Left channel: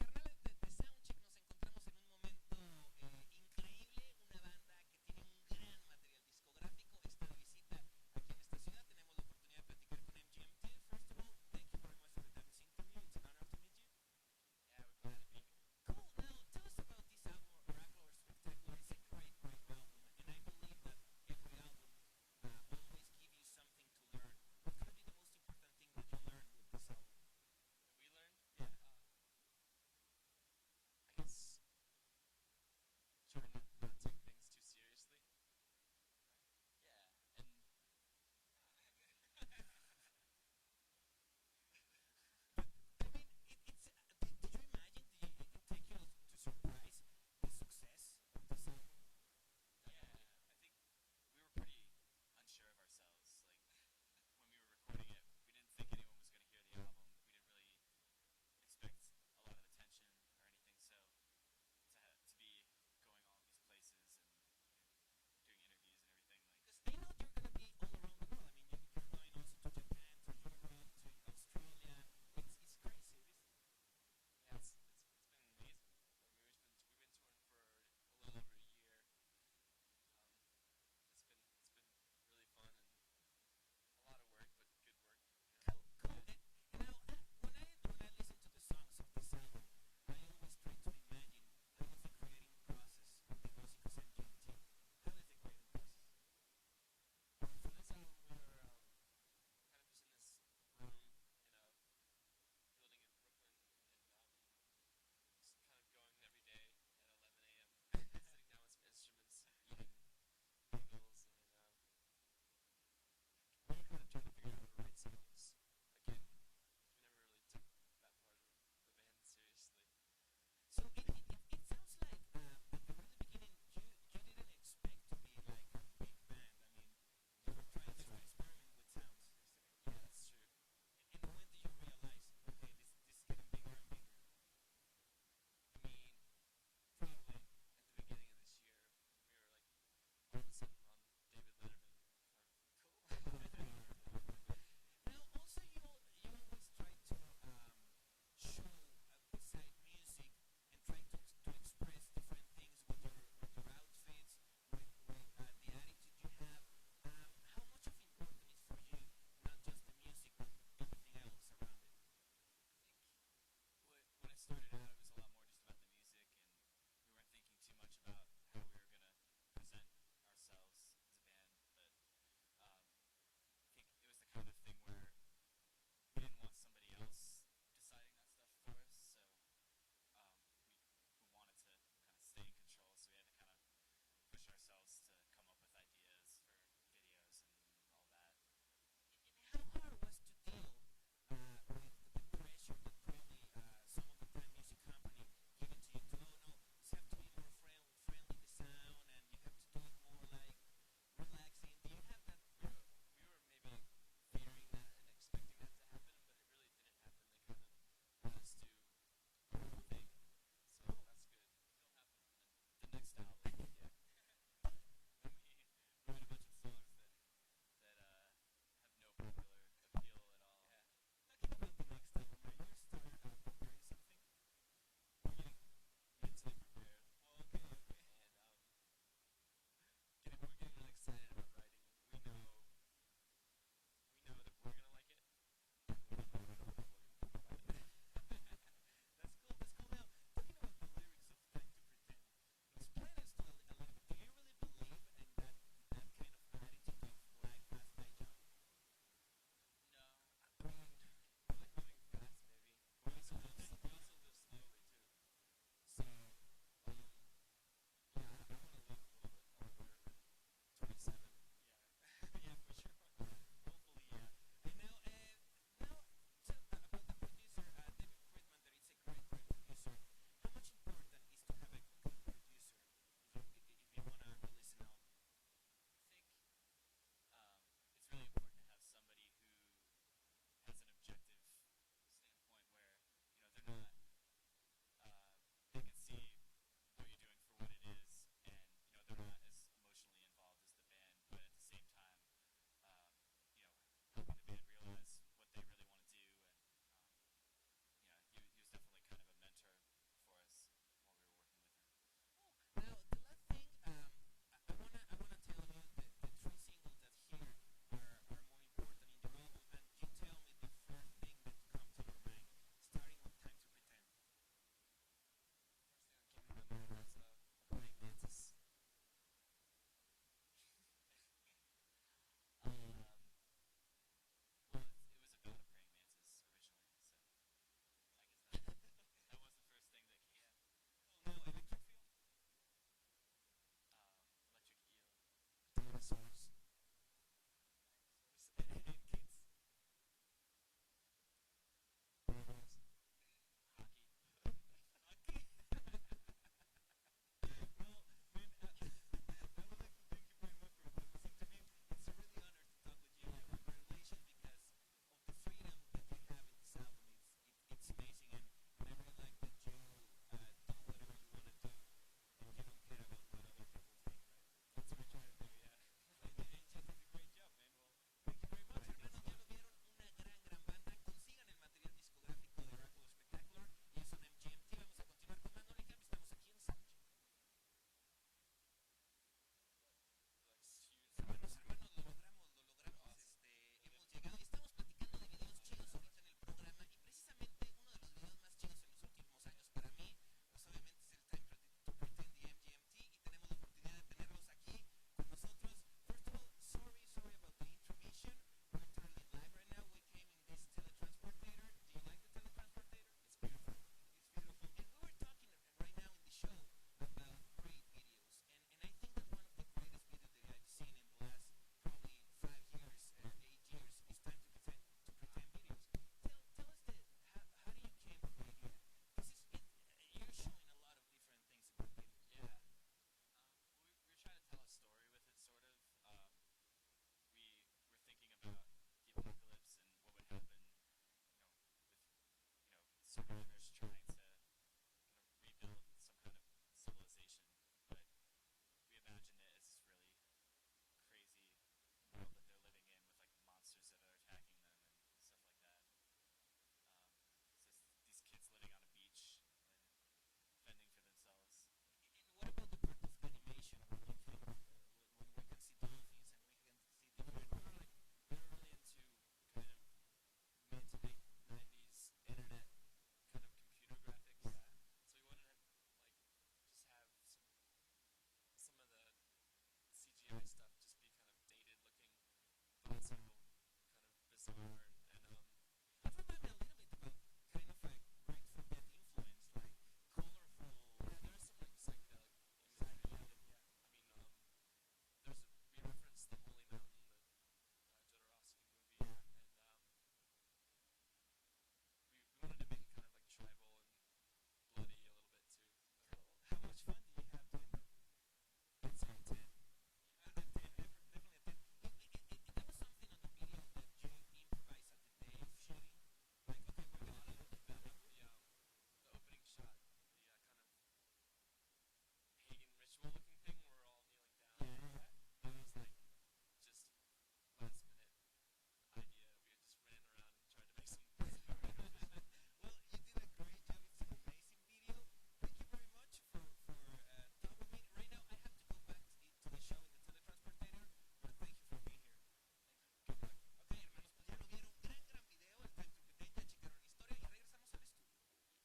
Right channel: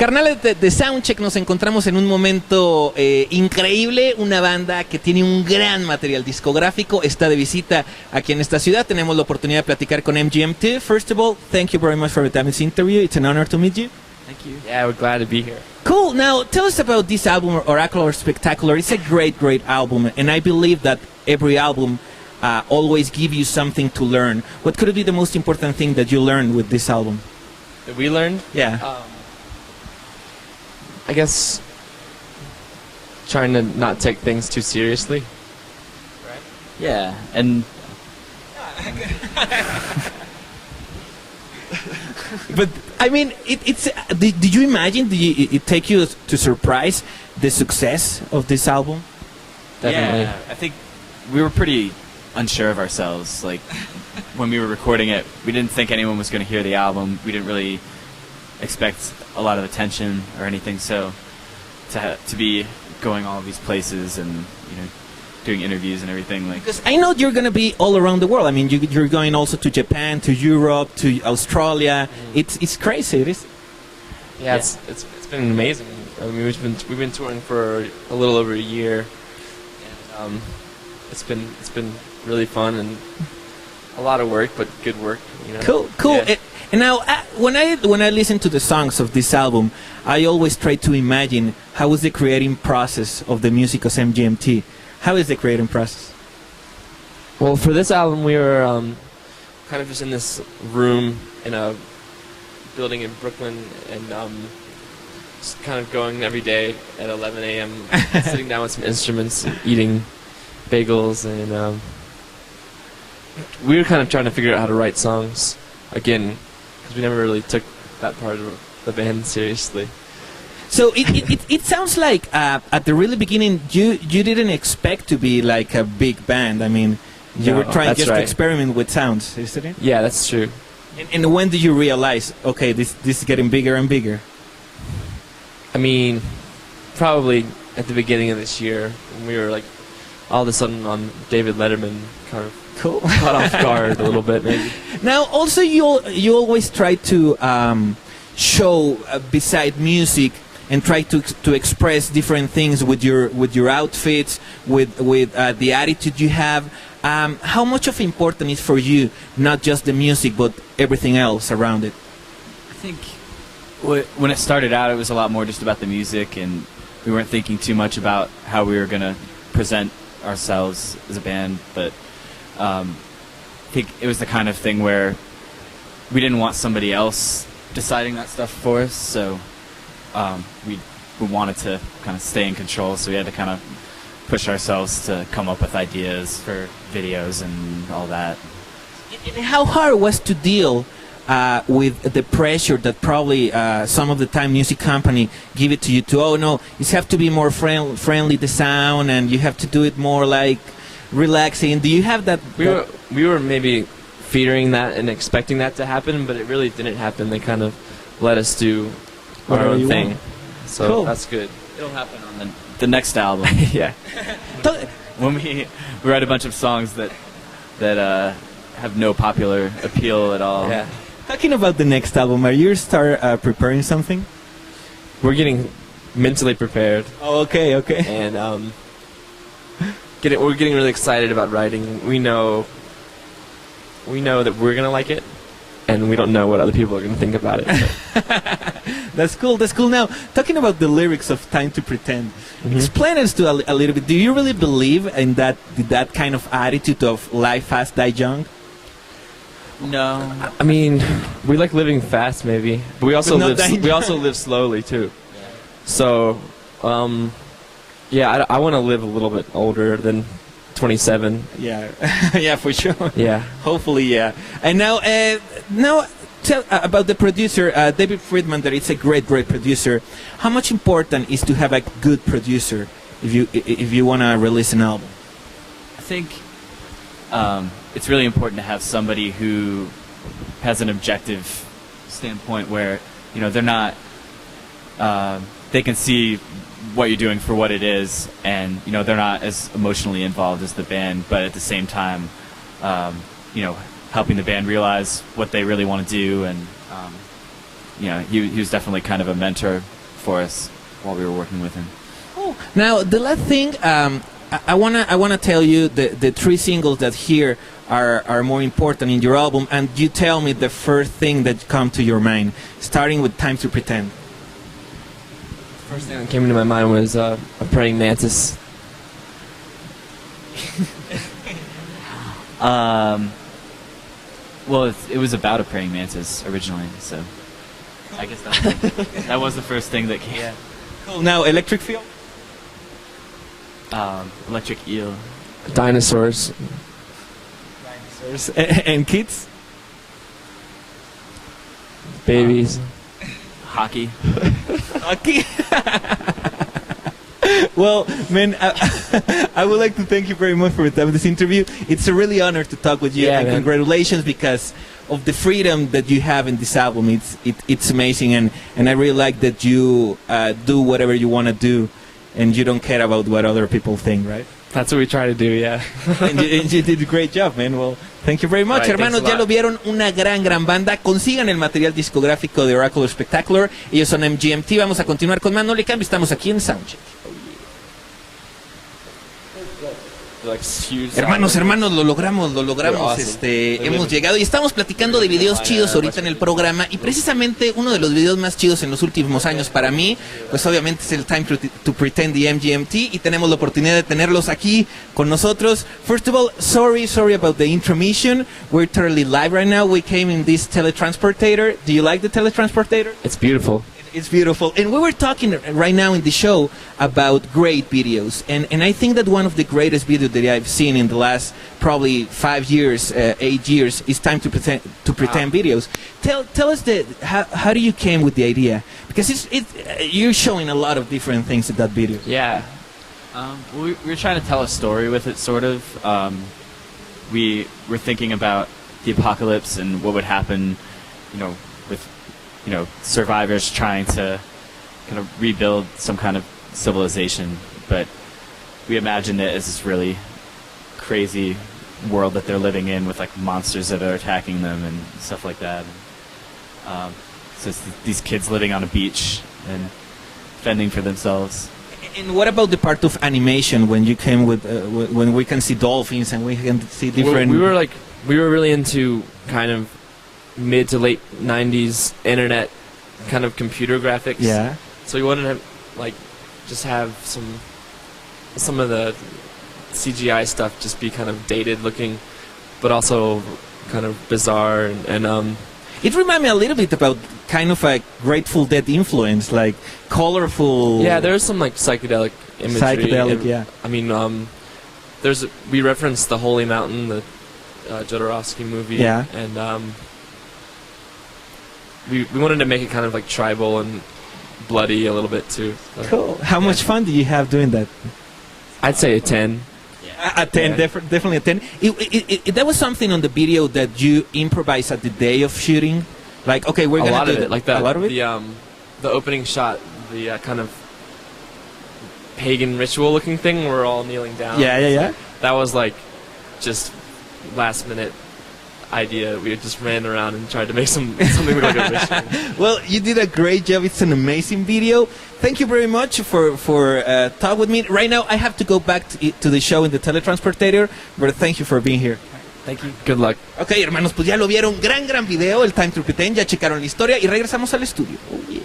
Carnales de Soundcheck, nos encontramos en un momento increíble, una banda que tiene un gran material discográfico, está de visita aquí en esta ciudad, tenemos la oportunidad de platicar con MGMT. First of all, thank you very much for this interview, it's an honor to meet you. Thank you. Yeah, we're glad to be here. Cool, now tell us about this album, Oracular Spectacular. It's a great album, and I believe that every album always gives you something to learn. What could be the most important thing that you learned with this album? That we learned? Yeah. I guess trying to not take things too seriously. Right? Yeah, and but I mean, it's. Did you imagine? Did it take you to surprise the success of this album? Definitely. yeah, I think we were pretty unsure of ourselves. Like when we were recording it, we didn't think anyone was going to hear the album. We didn't really expect a lot of attention or anything. So to be going all these places and doing interviews and everything, like, because I know you're gonna be all around the world. I mean, you're going also to Japan, to Europe, to Australia. It's crazy. It is. Yeah, it's been amazing. I mean, we've been touring for a little over a year, and it's been really fun and a lot of work, but good work. Cool. Yeah. And now, when I listen to the songs of this album, I always try to imagine how was the creating process of the music of MGMT. How is the creating process? Well, for this album, we were kind of just in this room in a building in Brooklyn, and just kind of going every day at 11 a.m., sitting down with some instruments, eating bagels, and we were kind of trying to figure out how to write songs again, because we never really took that part of the band seriously. So it sounds like at the really beginning you didn't expect to be like a big band. I mean, you were trying just to experiment with sounds, isn't it? Yeah, that's true. And when did you realize, okay, this is getting bigger and bigger? I mean, probably at the beginning of this year, when we were like all of a sudden on David Letterman, kind of caught off guard a little bit, maybe. Now, also you always try to show beside music and try to express different things with your outfits, with the attitude you have. How much of important is for you not just the music but everything else around it? I think when it started out, it was a lot more just about the music, and we weren't thinking too much about how we were going to present ourselves as a band. But I think it was the kind of thing where we didn't want somebody else deciding that stuff for us, so we wanted to kind of stay in control, so we had to kind of push ourselves to come up with ideas for videos and all that. And how hard it was to deal with the pressure that probably some of the time music company give it to you to, oh no, you have to be more friendly the sound, and you have to do it more like relaxing. Do you have that? We were maybe fearing that and expecting that to happen, but it really didn't happen. They kind of let us do our own thing, so cool. That's good. It'll happen on the next album. Yeah. When we write a bunch of songs that have no popular appeal at all. Yeah. Talking about the next album, are you preparing something? We're getting mentally prepared. Oh, okay. And we're getting really excited about writing. We know that we're gonna like it, and we don't know what other people are gonna think about it. That's cool. Now, talking about the lyrics of "Time to Pretend," explain us to a little bit. Do you really believe in that kind of attitude of life fast, die young? No. I mean, we like living fast, maybe, but we also live slowly too. Yeah. So, yeah, I want to live a little bit older than 27. Yeah, yeah, for sure. Yeah. Hopefully, yeah. And now tell about the producer, David Friedman. That it's a great producer. How much important is to have a good producer if you want to release an album? I think it's really important to have somebody who has an objective standpoint where they're not. They can see what you're doing for what it is, and they're not as emotionally involved as the band, but at the same time, helping the band realize what they really want to do, and he was definitely kind of a mentor for us while we were working with him. Oh, now the last thing, I wanna tell you the three singles that here are more important in your album, and you tell me the first thing that come to your mind, starting with "Time to Pretend." First thing that came into my mind was a praying mantis. Well, it was about a praying mantis originally, so I guess that was the first thing that came. Yeah. Cool. Now, "Electric Feel." Electric eel. Dinosaurs. And "Kids." Babies. Hockey. Okay. Well, man, I would like to thank you very much for this interview. It's a really honor to talk with you, Yeah, and man. congratulations because of the freedom that you have in this album. It's amazing, and I really like that you do whatever you want to do, and you don't care about what other people think, right? That's what we try to do, yeah. and you did a great job, man. Well, thank you very much. Right, Hermanos, ya lo vieron, una gran banda. Consigan el material discográfico de Oracle Spectacular. Ellos son MGMT. Vamos a continuar con más. No le cambio, estamos aquí en Soundcheck. Hermanos, lo logramos, Awesome. hemos llegado y estamos platicando de videos chidos ahorita en el programa, y precisamente uno de los videos más chidos en los últimos años para mí, pues obviamente es el Time to Pretend de MGMT, y tenemos la oportunidad de tenerlos aquí con nosotros. First of all, sorry about the intermission. We're totally live right now. We came in this teletransportator. Do you like the teletransportator? It's beautiful. It's beautiful. And we were talking right now in the show about great videos. And I think that one of the greatest videos that I've seen in the last probably 5 years, 8 years, is Time to Pretend videos. Tell us how do you came with the idea? Because you're showing a lot of different things in that video. Yeah. We were trying to tell a story with it, sort of. We were thinking about the apocalypse and what would happen, with survivors trying to kind of rebuild some kind of civilization, but we imagined it as this really crazy world that they're living in with like monsters that are attacking them and stuff like that. So it's these kids living on a beach and fending for themselves. And what about the part of animation when you came with when we can see dolphins and we can see different? We were really into kind of mid to late 90s internet kind of computer graphics. Yeah. So we wanted to just have some of the CGI stuff just be kind of dated looking, but also kind of bizarre and It reminded me a little bit about kind of a Grateful Dead influence, like colorful. yeah, there's some like psychedelic imagery. Psychedelic, yeah. I mean, we referenced the Holy Mountain, the Jodorowsky movie. Yeah. And we wanted to make it kind of like tribal and bloody a little bit too. So, Cool. How much fun did you have doing that? I'd say a 10. A 10, Yeah. definitely a 10. There was something on the video that you improvised at the day of shooting. Like, okay, we're A gonna lot do of it, like that. A lot of it. The opening shot, the kind of pagan ritual looking thing, we're all kneeling down. Yeah. That was like just last minute idea. We just ran around and tried to make something look like a ritual. Well, you did a great job. It's an amazing video. Thank you very much for talk with me. Right now, I have to go back to the show in the teletransportator, but thank you for being here. Thank you. Good luck. Ok, hermanos, pues ya lo vieron. Gran video, el Time to Pretend. Ya checaron la historia y regresamos al estudio. Oh, yeah.